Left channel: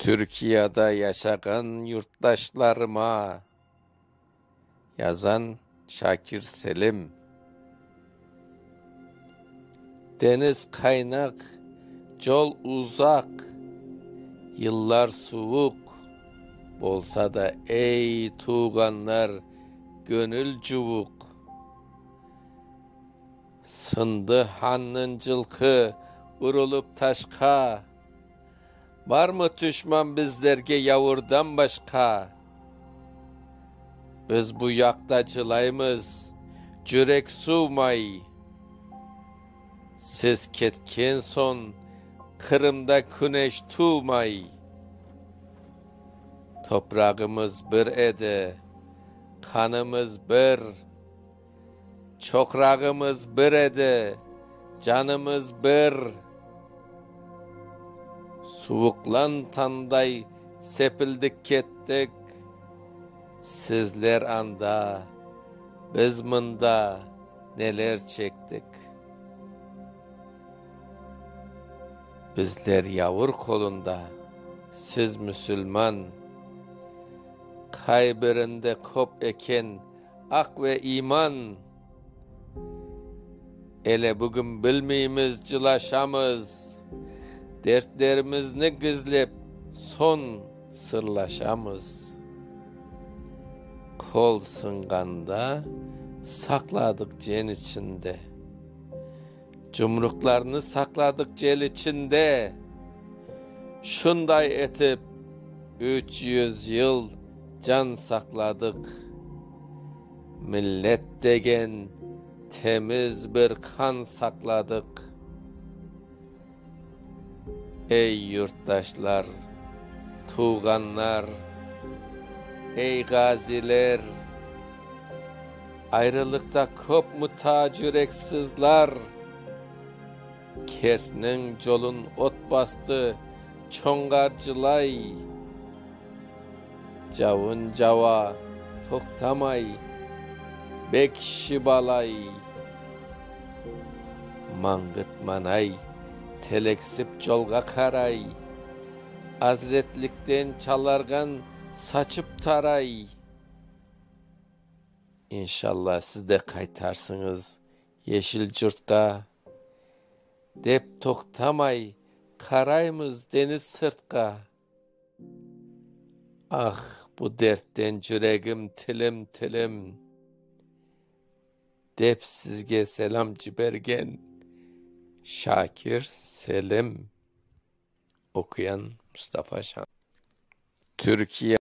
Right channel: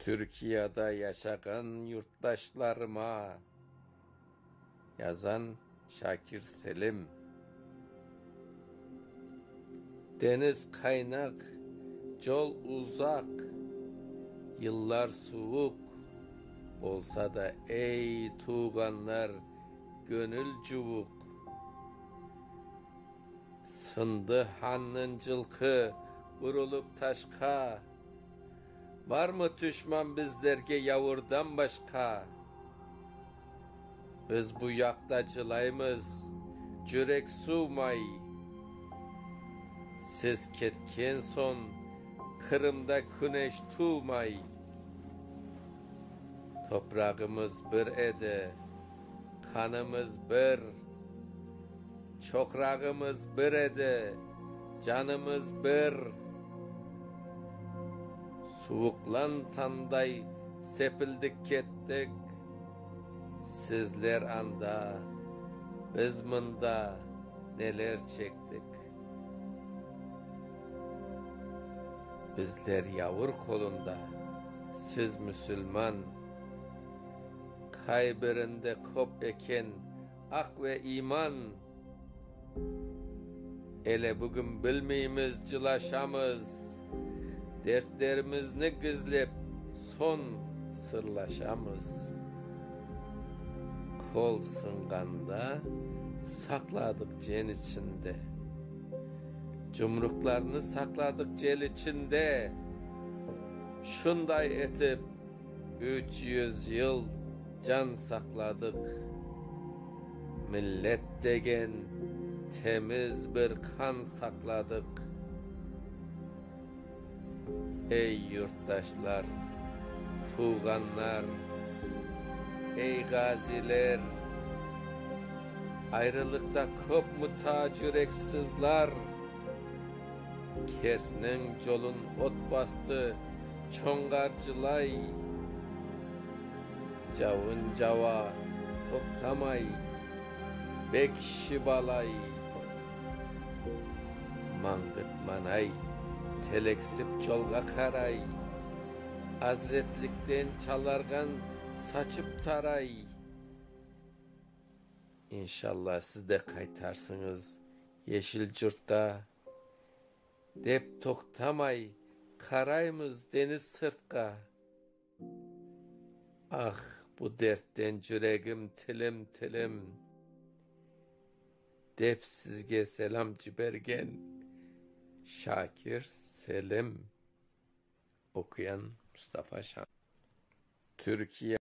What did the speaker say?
Türkiye'de yaşayan yurttaşlarıma yazan Şakir Selim. Deniz kaynak, yol uzak, yıllar soğuk, bolsa da ey tuğanlar gönül cuvuk. Sındı hanın cılkı, vurulup taşka, var mı düşman bizlerge yavurdan başka? Biz bu yakta çılayımız, cürek suğmay. Siz ketken son, Kırım'da güneş tuğmay. Toprağımız bir ede, kanımız bir. Çokrağımız bir ede, canımız bir. Soğuklan tanday sepildik kettik. Sizler anda, biz mında neler çektik. Bizler yavur kolunda, siz Müslüman. Kaybirinde kop eken ak ve iman. Ele bugün bilmeyimiz cılaşamız. Dertlerimizni gizlep son sırlaşamız. Kol singanda sakladık cen içinde. Cumruklarını sakladık cel içinde. Şunday etip 300 yıl can sakladık. Millet degen temiz bir kan sakladık. Ey yurttaşlar, tuğanlar, ey gaziler, ayrılıkta kop mu yüreksizler. Kersinin yolun ot bastı, çongarcılay. Cavun cava, toktamay, bek şibalay. Mangıt manay, teleksip yolga karay. Hazretlikten çalargan saçıp taray. İnşallah siz de kaytarsınız yeşil yurtka. Dep toktamay, karaymız deniz sırtka. Ah bu dertten yüreğim tilim tilim. Dep sizge selam cibergen Şakir Selim. Okuyan Mustafa Şan. Türkiye